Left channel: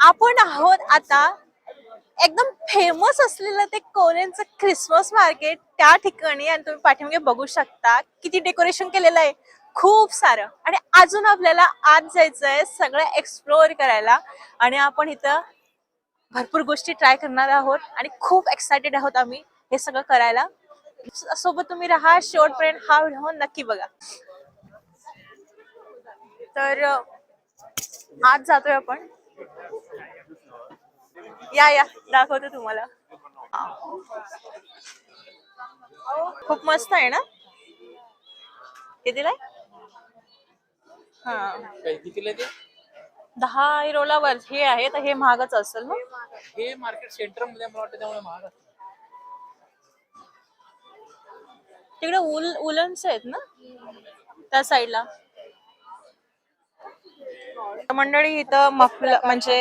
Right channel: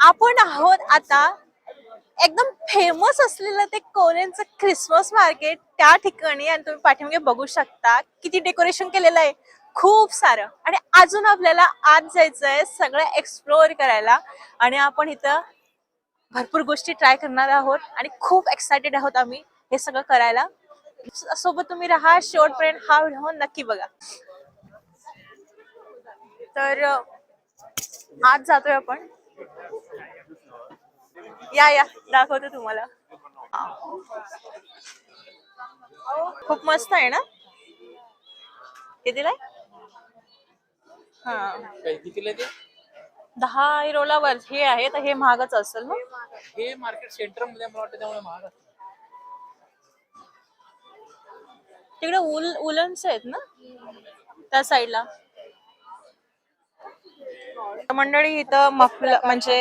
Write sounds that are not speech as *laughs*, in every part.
आपण आहोत आता एकदम फेमस असलेलं ते कोरेनचं क्रिसमस मार्केट त्या ठिकाणी आणि तुम्ही पाठीमागे बघू शकता किती डेकोरेशन केलेलं आहे. खूप सारं. आणि अजून आपल्याला आत जायचंय सगळं एक्सप्लोअर करायला. आणि आपण इथं भरपूर गोष्टी ट्राय करणार आहोत आणि खूप एक्सायटेड आहोत आम्ही हे सगळं करायला. सोबत तुम्ही राहा शेवटपर्यंत हा व्हिडिओ नक्की बघा. तर आज जातोय आपण. या या. दाखवते तुम्हाला. खूप मस्त आहे ना? कितीला? हा. दहा युरोला वर हे आहे तर हे महागच असेल ना? हे मार्केट सेंटरमध्ये मला वाटतं त्यामुळे महाग. तिकडे उल उलन्स आहेत ना? त्या साईडला मंडळी इथं मफल म्हणजे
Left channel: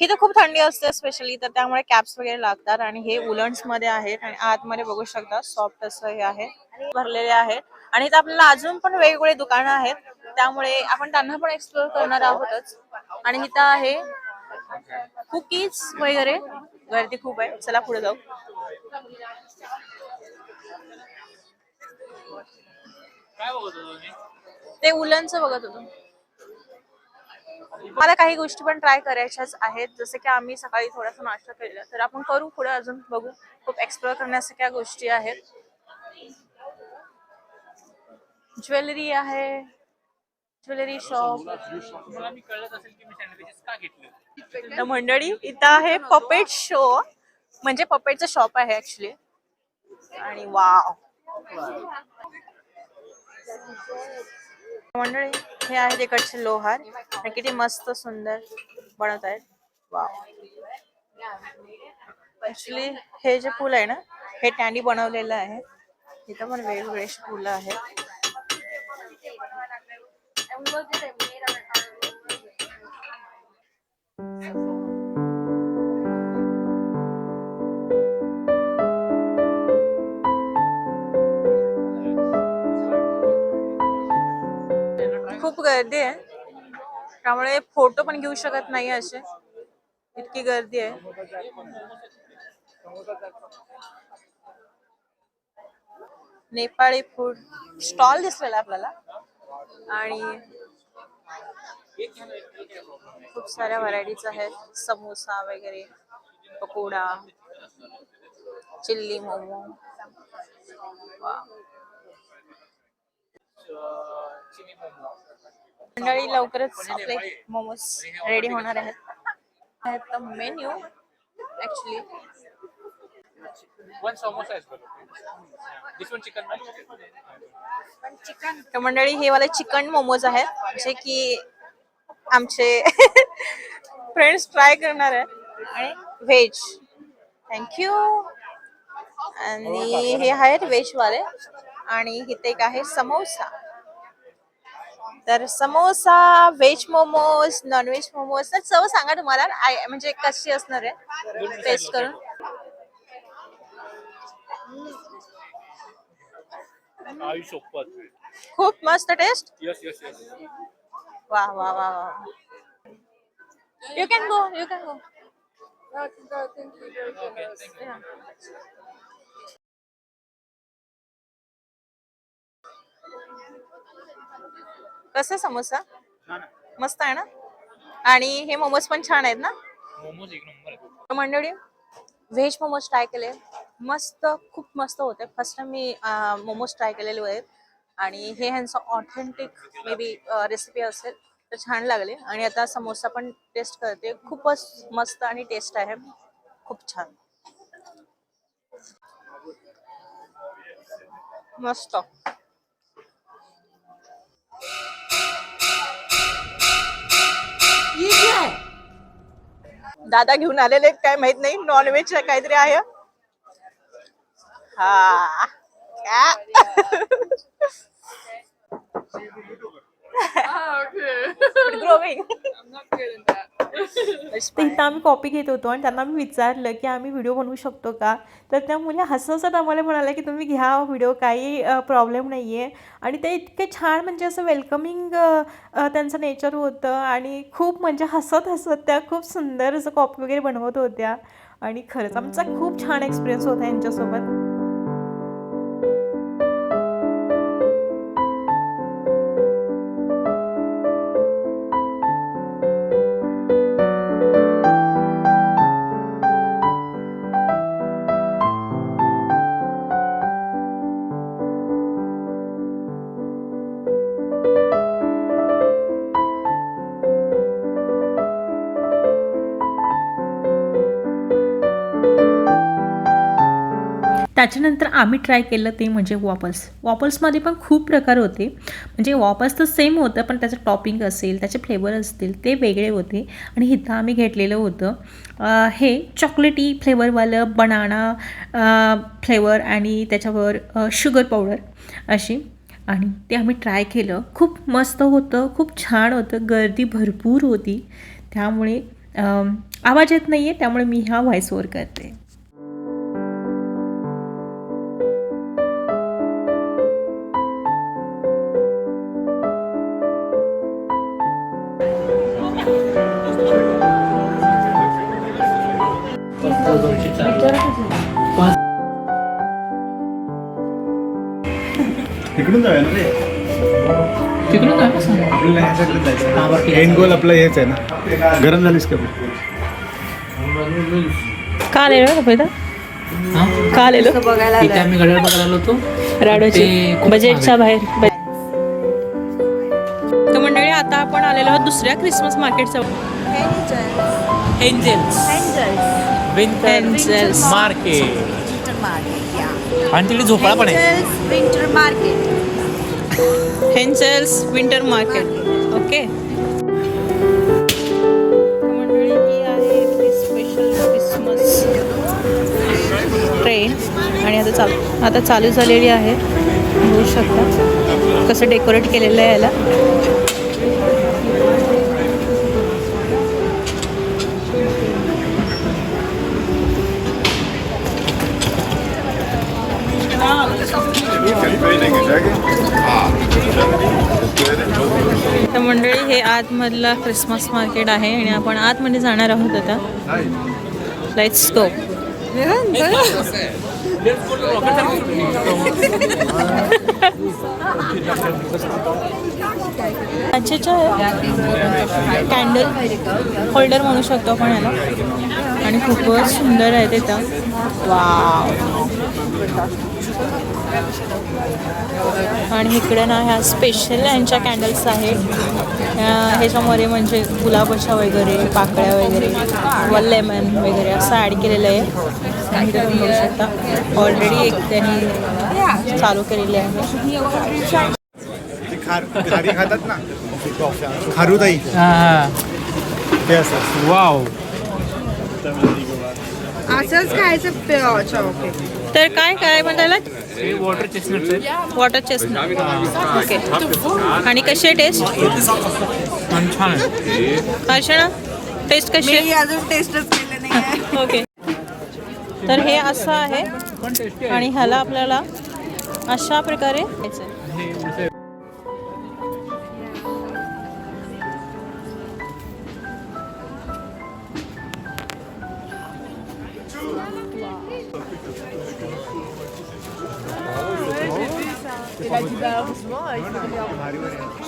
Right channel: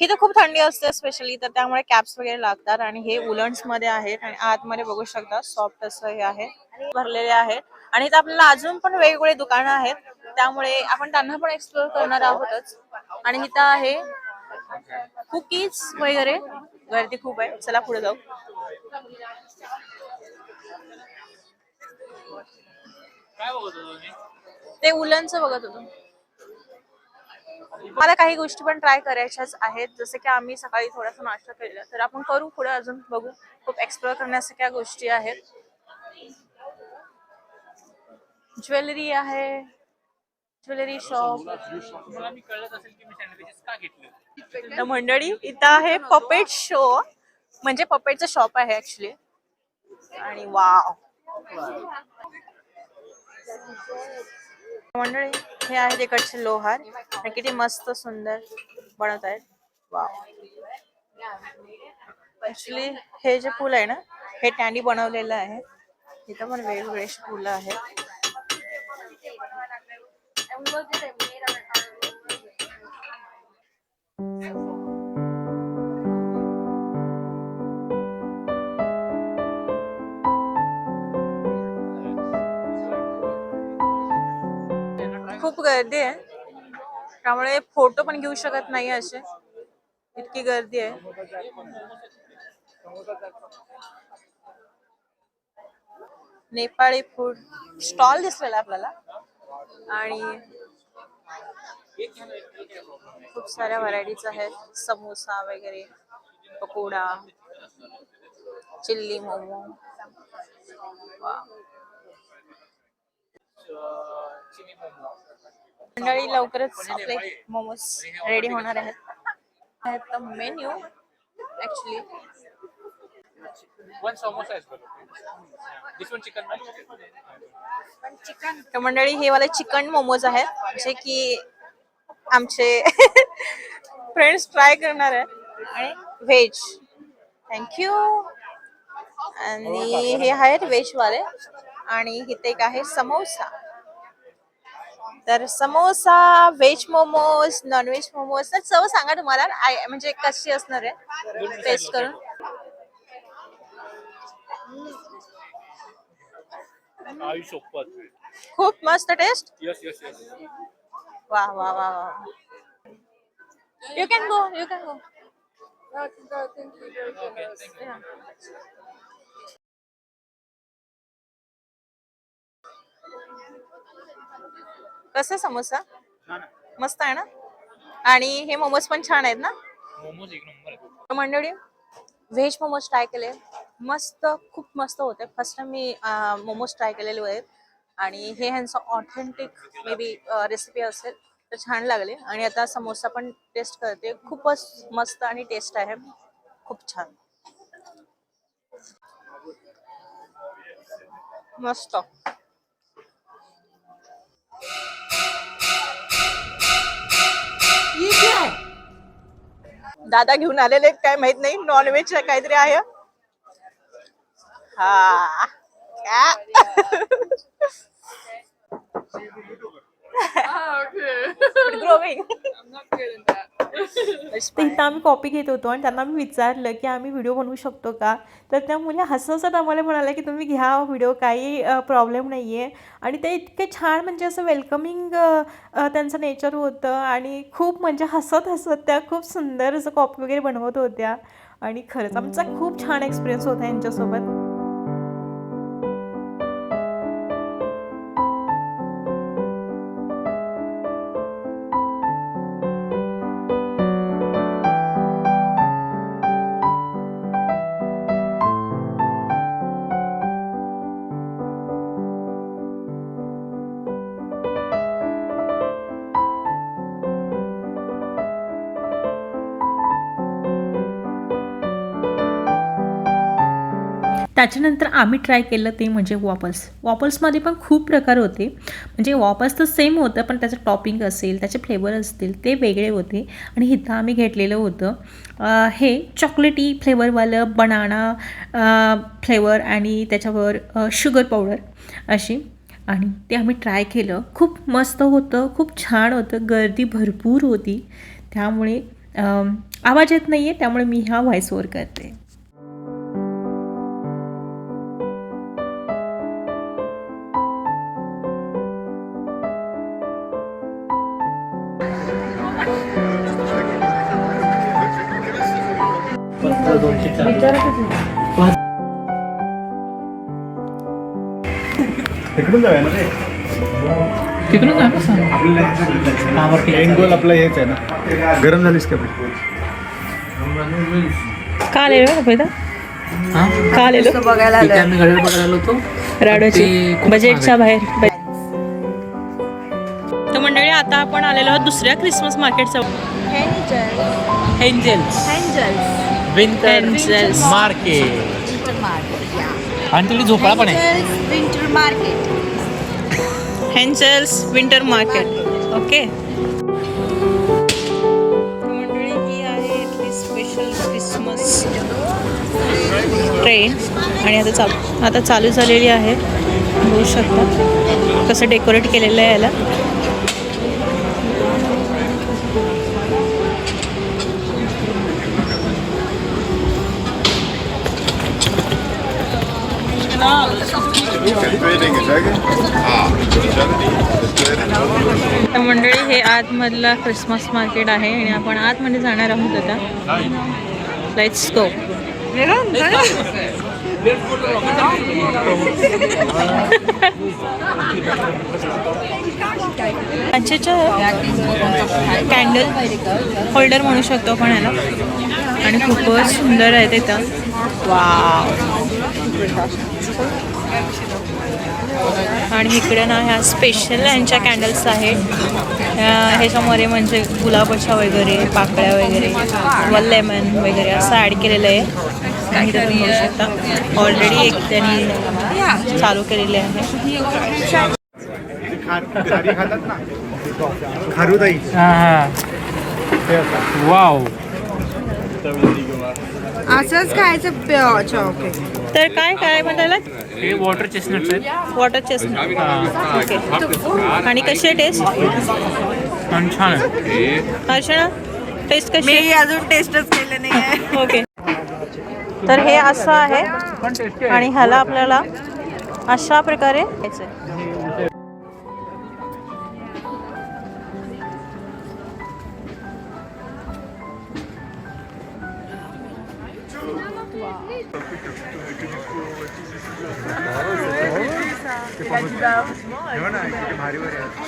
इथं खूप थंडी असते स्पेशली तर त्यामुळे कॅप्स वगैरे लागतात आणि हे उलन्समध्ये आहेत आणि आतमध्ये बघू शकता सॉफ्ट असं हे आहे. भरलेले आहेत. आणि इथं आपल्याला अजून पण वेगवेगळे दुकानं आहेत. त्यामुळे आपण त्यांना पण एक्सप्लोर करणार आहोतच. आणि इथं आहे कुकीज वगैरे. गर्दी खूप आहे. चला पुढे जाऊ. ते उलनचं बघत होतो. मला काही गोष्टी पण ट्राय करायच्याच आहेत. जसं की आम्ही सकाळी थोडासा नाश्ता केलेला तर आपण करू पुढे अजून बघू. खूप एक्सप्लोअर करण्यासारख्या गोष्टी आहेत. ज्वेलरी आहे ज्वेलरी शॉप तर मंडळी इथं आहे पपेट शो म्हणजे पपेटचं शॉप आहे ऍक्च्युली आणि वाव मंडळी हे आहे तिकडचे लोहार. आणि किती मस्त सुंदर बनवत आहेत. वाव ऍक्च्युली हे जे फुल आहे ना हे टँडी बनवलेलं आहे. इथं पण वेगवेगळे फुलं आहेत. खूप गर्दी आहे. त्यामुळे फोटो पण घेऊ शकत नाही असे. इतकी गर्दी आहे. नेपाळी फूड स्टॉल दिसलेला आपल्याला. आणि खूप साऱ्या व्हरायटीज आहेत. समोसा वगैरे पकोडा चिल्ली मोमो. वा चिली मोमो मंडळी लवकरच आपले मोमोज रेडी होणार आहेत. मेन्यू ऍक्च्युली तर मंडळी हे वाले चिकन मोमोज आहेत जे की आमचे *laughs* फ्रेंड्स ट्राय करणार आहेत. आणि व्हेज थँक्यू आणि हे आहेत व्हेज वाले. आणि इथे एक आहे समोसा तर samosa veg momos non veg momos तर चव सांगा तुम्हाला. आय- म्हणजे कशी असणार आहे? टेस्ट करून. खूप मस्त टेस्ट यस यस यस वा वा वा वा. You can go you can go कसं समोसा? मस्त आहे ना? आणि हे मोमोज पण छान आहेत ना? मोमोज एक नंबर मंडळी व्हेज मोमोज ट्राय केले. मस्त खूप मस्त होते. फर्स्ट टाइम मी मोमोज ट्राय केलेले आहेत आणि हे ह्यांचं ऑथेंटिक मे बी रेसिपी असेल तर छान लागले. आणि आता समोसा पण टेस्ट करते. खूपच मस्त आणि टेस्ट आहे. खूप छान. मस्त. दादा घेऊन आलेले काय माहीत नाही. नॉनव्हेज काहीतरी आहे. हा. क्या? *laughs* *laughs* तर इथं आम्ही कॉपी घेत होतो आणि त्यांना आम्ही विचारलं की आम्ही व्हिडिओ बनवू शकतो का? तर त्या मुली हसत हसत आम्हाला म्हणाल्या की तुम्ही घ्या हो व्हिडिओ काही प्रॉब्लेम नाही आहे आणि ते इतके छान म्हणजे असं वेलकमिंग त्यांचं नेचर होतं आणि खूप म्हणजे हसत हसत त्या खूप सुंदर असं कॉपी वगैरे बनवत होत्या. आणि खरंच आमचा खूप छान एक्सपिरियन्स होता यांच्यासोबत. त्याच्यानंतर आम्ही ट्राय केलं ते म्हणजे वॉपल्स वॉपल्समध्ये पण खूप प्रकार होते. म्हणजे वॉपल्स तर सेम होतं पण त्याचं टॉपिंग असेल त्याचे फ्लेवर असतील ते वेगळे होते. आणि इथं आम्ही घेतलेलं होतं हे चॉकलेटी फ्लेवरवालं बनाना फ्लेवर आणि त्याच्यावर शुगर पावडर अशी. आणि ते आम्ही ट्राय केलं. खूप मस्त होतं खूप छान होतं गर्दी भरपूर होती. त्यामुळे आवाज येत नाही आहे त्यामुळे मी हा व्हॉइस ओवर करते. तिकडून जाऊया ना रे. तिकडून जा कसं एंड गोल आपलं हेच आहे ना. गरम झालीस का का आलेलो पहिलं? हा? का आलेलो तिथे आम्ही घड्याळ बघायला आलो होतो. राडोची ते खूप बजेटच्या बाहेर. तर मंडळी आता आपण आलेलो आहोत दुसऱ्या क्रिसमस मार्केटच्या एंजल्स Angels. मार्केट आणि तिकडे झोपाळा पण आहे. हेन्सल्स विंटर मार्केट ओके मंडळी ही आहे इथली स्पेशल क्रिसमस ट्रेन आणि आता चालू आता चालू झालेली आहे. बघू शकता कसं डेकोरेट केलेलं आहे याला. तर मंडळी हे आतमधला क्रिसमस मार्केट आहे आणि आपण आतमध्ये जाणार आहोत आता. लेट्स गो कॅन्डल होल्डर म्हणू शकतो आपण याला. आणि खूपच सुंदर आहे तिथं वाव आणि इकडे ना ह्या स्पेशल यांच्या कॅन्डल्स आहेत. ह्या- ह्याच्यामध्ये म्हणजे गुलाबाच्या वगैरे पाकळ्या वगैरे व लेमन वगैरे असं ॲड केलेलं आहे. आणि तुम्ही बघू शकता. ऑलरेडी एक त्यांनी चालू केलेले आहे. खारी खातात ना? खारुताई. ते असतात. वाव असंच खायचं प्युअर चॉकलेट तर काय काय म्हणतायला हे वॉटर चेस्टनट्स आहेत. वॉटर चेस्टनट ओके आणि कशी आहे टेस्ट छान आहे अर्चना टेस्ट कशी? आहे मी अजून टेस्टच केलं नाही आहे ओके तर हे असं आहे. आणि ह्याला आपल्याला अशा प्रकारे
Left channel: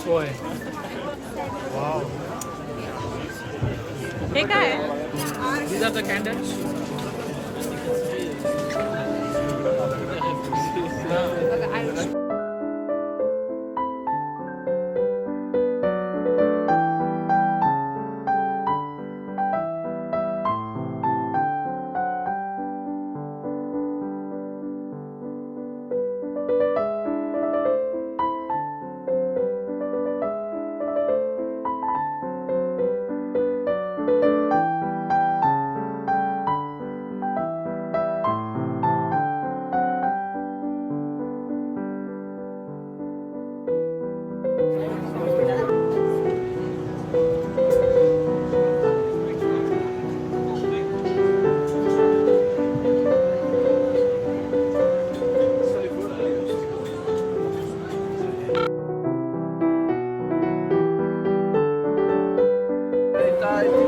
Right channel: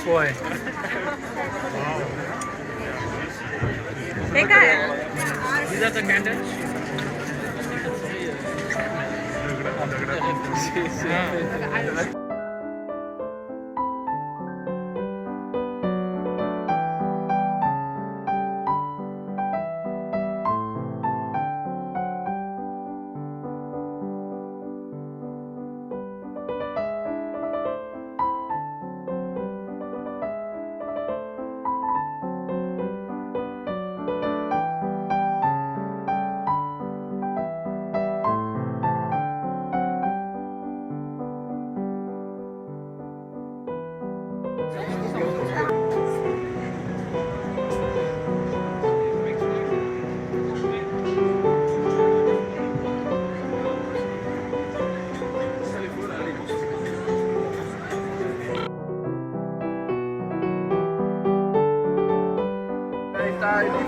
होय हे काय आहे start